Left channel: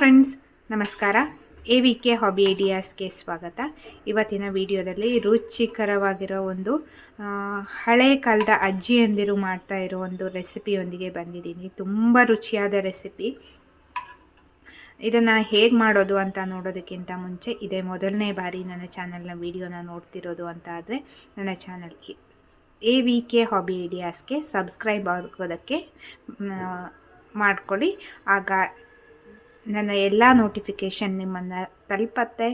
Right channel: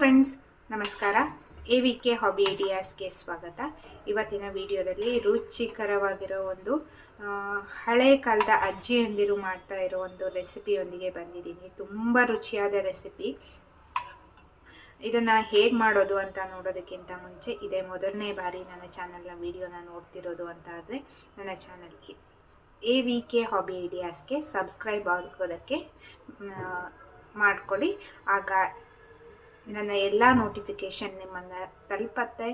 Friends, ನಮಸ್ಕಾರ. AVK hobby ಐಡಿಯಾಸ್ಗೆ ಸ್ವಾಗತ. ಇವತ್ತಿನ ವಿಡಿಯೋದಲ್ಲಿ ರುಚಿಕರವಾಗಿರೋ ಒಂದು ಹಳೆ ಕಾಲದ ಅಜ್ಜಿಯಂದಿರು ಮಾಡ್ತಾ ಇರೋ ಒಂದು ರೆಸಿಪಿಯೊಂದಿಗೆ ಬಂದಿದ್ದೀನಿ. ತುಂಬ ರುಚಿಯಾದ ರೆಸಿಪಿ. ಇದನ್ನು ಹೇಗೆ ಮಾಡೋದು ಅಂತ ನೋಡೋದಕ್ಕಿಂತ ಮುಂಚೆ ಇದೇ ಮೊದಲನೇ ಬಾರಿ ನನ್ನ ಚಾನಲ್ನ ವಿಡಿಯೋನ ನೋಡ್ತಿರೋದು ಅಂತ ಆದರೆ ನನ್ನ ಚಾನಲ್ AVK ಹಾಬಿ ಐಡಿಯಾಸ್ಗೆ ಸಬ್ಸ್ಕ್ರೈಬ್ ಆಗೋದಕ್ಕೆ ಮಾಡ್ಕೊಳ್ಳಿ. ಆಗ ನನ್ನ ಎಲ್ಲ ನೋಟಿಫಿಕೇಷನ್ ನಿಮ್ಮನ್ನು ತಲುಪತ್ತೆ,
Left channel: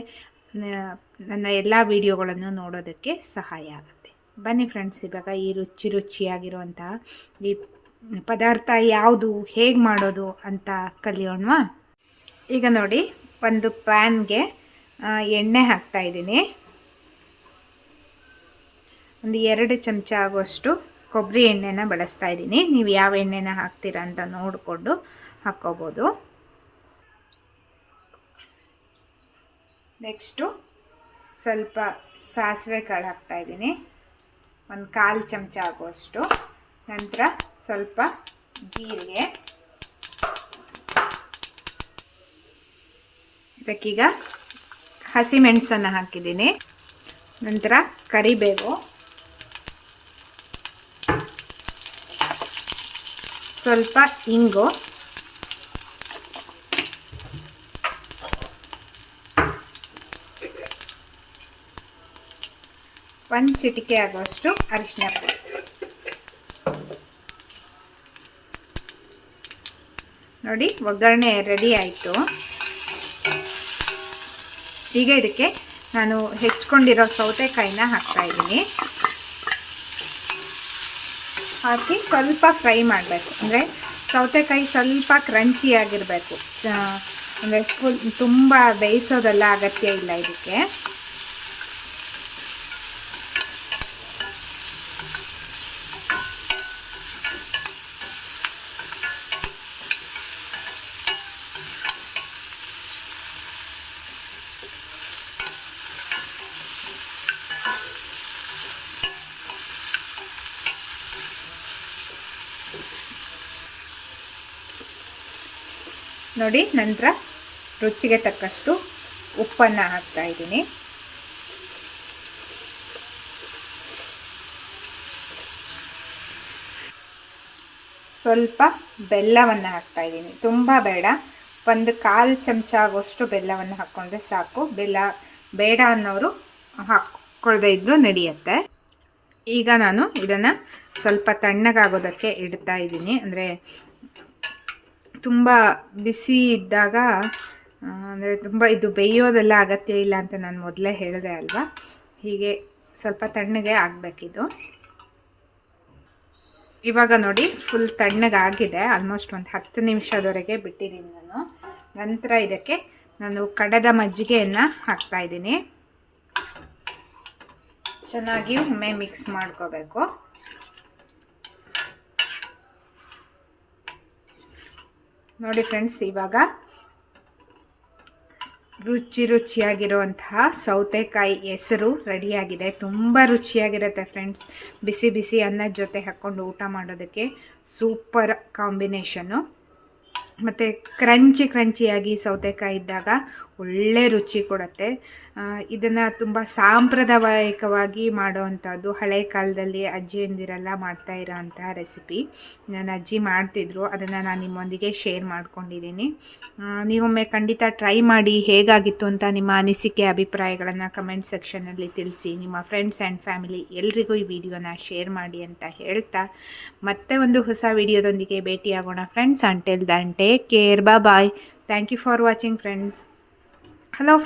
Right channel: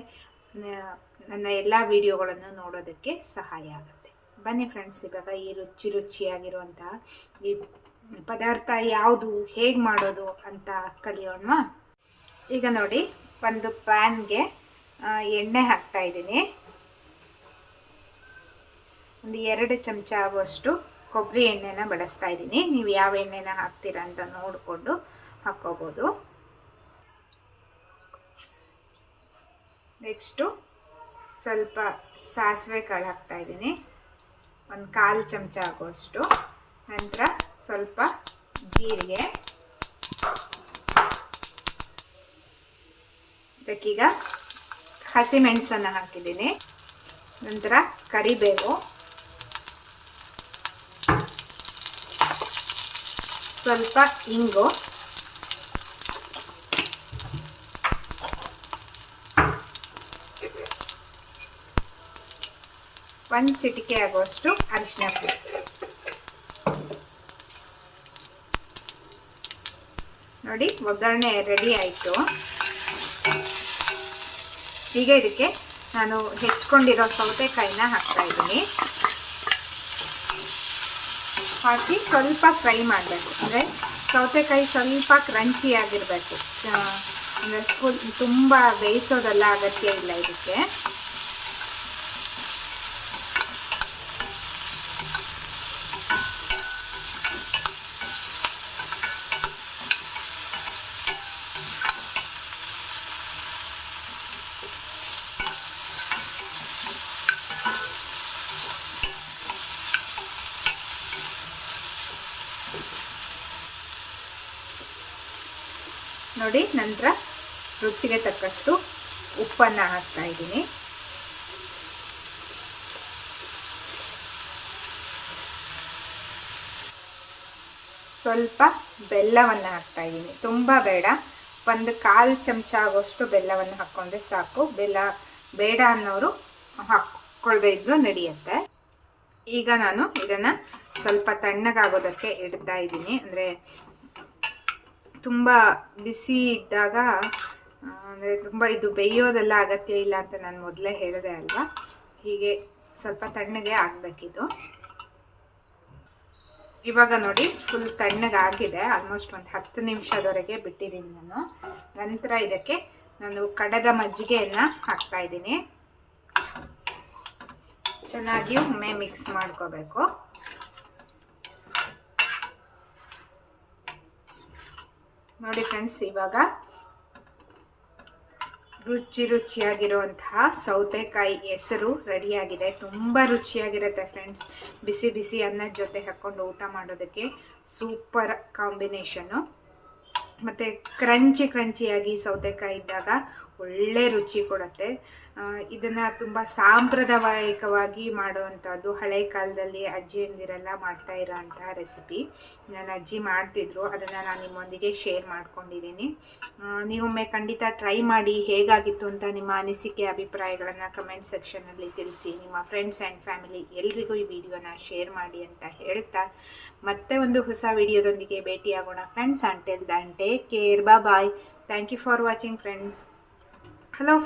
ನನ್ನ ಎಲ್ಲ ವಿಡಿಯೋಗಳನ್ನು ನೋಡೋದಕ್ಕೆ ಸಹಾಯ ಆಗುತ್ತೆ. ಬನ್ನಿ ಫ್ರೆಂಡ್ಸ್, ಇವಾಗ ಈ ರುಚಿಯಾಗಿರುವಂತಹ ಈ ಪದಾರ್ಥ ಯಾವುದು, ಹೇಗೆ ಮಾಡೋದು ಅಂತ ಕಲಿಯೋಣವಾ. ಈಗ ನೋಡಿ, ಒಂದು ಪ್ಯಾನ್ಗೆ ಎಣ್ಣೆ ಹಾಕ್ತಾಯಿದ್ದೀನಿ. ಒಂದು 2 ಚಮಚ ಆಗುವಷ್ಟು ಕೊಬ್ಬರಿ ಎಣ್ಣೆನ ಬಳಸ್ತಾ ಇದ್ದೀನಿ. ನೀವು ಯಾವ ಎಣ್ಣೆನ ಹಾಕ್ತೀರಾ ಅಂತ ನೋಡಿಕೊಂಡು ಹಾಕ್ಕೋಬೋದು. ನೆಕ್ಸ್ಟು ಸ್ವಲ್ಪ ಸಾಸಿವೆ ಕಾಳು ಹಾಕ್ತಾಯಿದ್ದೀನಿ, ಒಂದು 1/4 ಚಮಚ ಆಗುವಷ್ಟು. ನಂತರ ಸ್ವಲ್ಪ ಜೀರಿಗೆ, ಇದಕ್ಕೀಗ ಹಸಿಮೆಣಸನ್ನು ಹಾಕಿದ್ದೀನಿ. ನಂತರ ಕರಿಬೇವು, ಸ್ವಲ್ಪ ಇಂಗು, ಒಂದು ಚಿಟಿಕೆ ಆಗುವಷ್ಟು ಅರಿಶಿನ ಪುಡಿ. ನೋಡಿ, ಒಗ್ಗರಣೆ ರೆಡಿ ಆಯಿತು. ಈಗ ಇದಕ್ಕೆ ನಾನು ಹೆಚ್ಚಿಕೊಂಡಿರೋ ಸೌತೆಕಾಯಿನ ಹಾಕ್ತಾಯಿದ್ದೀನಿ. ಹಾಕಿ ಸ್ವಲ್ಪ ಫ್ರೈ ಮಾಡಬೇಕು. ಅಂದರೆ ಸೌತೆಕಾಯಿ ಸ್ವಲ್ಪ ಕ್ರಂಚಿಯಾಗಿರಬೇಕು. ಅಂದರೆ ತುಂಬ ಬೇಯಿಸೋದೆಲ್ಲ ಅಗತ್ಯ ಇಲ್ಲ ಇದಕ್ಕೆ. ನೋಡಿ, ನಂತರ ರುಚಿಗೆ ತಕ್ಕಷ್ಟು ಉಪ್ಪನ್ನು ಹಾಕ್ತಾ ಇದ್ದೀನಿ. ಸ್ವಲ್ಪ ಬೆಲ್ಲವನ್ನು ಹಾಕ್ತಾ ಇದ್ದೀನಿ, ತುಂಬ ಬೇಡ. ಒಂದು 1/4 ಚಮಚ ಆಗುವಷ್ಟು ಬೆಲ್ಲವನ್ನು ಹಾಕ್ಕೊಂಡ್ರೆ ಸಾಕು. ಬೆಲ್ಲ ಬೇಡ ಅನ್ನೋರು ಹಾಕ್ಕೊಳ್ಳದೇ ಇದ್ರೂ ನಡೆಯುತ್ತೆ. ಈಗ ನಾನು ಇದನ್ನು ಸ್ವಲ್ಪ ತಣ್ಣಗಾಗೋದಕ್ಕೆ ಇಡ್ತಾ ಇದ್ದೀನಿ. ಅಂದರೆ ತುಂಬ ಬಿಸಿ ಇದ್ದಾಗ, ಅಂದರೆ ತುಂಬ ಇದು ಬೇಯೋದೆಲ್ಲ ಅಗತ್ಯ ಇಲ್ಲ ಅಂತ ನಾನು ಮೊದಲೇ ಹೇಳಿದೆ ಅಲ್ವಾ. ಹೀಗೆ ಸ್ವಲ್ಪ ತಣ್ಣಗೆ ಆಗಬೇಕಿದು. ಇವಾಗ ನೋಡಿ, ಫುಲ್ ತಣ್ಣಗಾಗಿದೆ. ಆಲ್ಮೋಸ್ಟ್ ಒಂದು 10 ನಿಮಿಷದವರೆಗೆ ಬಿಟ್ಟಿದ್ದೀನಿ ನಾನು. ನಂತರ ಇದಕ್ಕೆ ನಾನು ಕಡೆದ ಮಜ್ಜಿಗೆಯನ್ನು ಹಾಕ್ತಾಯಿದ್ದೀನಿ. ಚೆನ್ನಾಗಿ ಒಮ್ಮೆ ಮಿಕ್ಸ್ ಮಾಡ್ಕೋಬೇಕು. ನೋಡಿ ಫ್ರೆಂಡ್ಸ್, ಇವಾಗ ರುಚಿಯಾಗಿರುವಂತಹ ಸೌತೆಕಾಯಿ ಹೆಸರು ರೆಡಿಯಾಗಿದೆ. ತುಂಬ ರುಚಿಯಾಗಿರುತ್ತೆ ಫ್ರೆಂಡ್ಸ್. ಬಿಸಿ ಬಿಸಿ ಅನ್ನದ ಜೊತೆ ಹಾಕ್ಕೊಂಡು ಊಟ ಮಾಡೋದಕ್ಕೆ ಸೂಪರ್ ಕಾಂಬಿನೇಷನ್ನು. ಮತ್ತು ಕ್ರಂಚಿಯಾಗಿ ಸೌತೆಕಾಯಿ ಇದ್ದಾಗ ಒಳ್ಳೆ ರುಚಿ ಕೊಡುತ್ತೆ. ಇದನ್ನು ತುಂಬ ಸಾಂಪ್ರದಾಯಿಕವಾಗಿ ಮಾಡೋವಂಥದ್ದು. ಹಳೆ ಕಾಲದಲ್ಲಿ ಅಜ್ಜಿಯಂದಿರೆಲ್ಲ ಮಾಡ್ತಾ ಇರೋವಂತಹ ರೆಸಿಪಿ. ನನ್ನ ಅಜ್ಜಿ ಮಾಡ್ತಿದ್ರು, ಅದನ್ನು ನಾನು ನಿಮ್ಮೊಂದಿಗೆ ಶೇರ್ ಮಾಡ್ಕೊಂಡಿದ್ದೀನಿ. ನೀವೊಮ್ಮೆ ಖಂಡಿತ ಟ್ರೈ ಮಾಡಿ. ಹೇಗಾಗಿತ್ತು ಅಂತ ನಿಮ್ಮ ಅನಿಸಿಕೆ ಅಭಿಪ್ರಾಯಗಳನ್ನು ಕಮೆಂಟ್ ಸೆಕ್ಷನಲ್ಲಿ ತಿಳಿಸಿ. ನಿಮ್ಮ ಫ್ರೆಂಡ್ಸ್ ಆ್ಯಂಡ್ ಫ್ಯಾಮಿಲಿ ಎಲ್ರಿಗೂ ಈ ವಿಡಿಯೋನ ಶೇರ್ ಮಾಡಿ ಅಂತ ಹೇಳ್ತಾ, ಮತ್ತೆ ಒಂದು ಹೊಸ ವಿಡಿಯೋದೊಂದಿಗೆ ಭೇಟಿಯಾಗೋಣ friends. Until then take care, bye. Thank you for watching friends. Hello friends.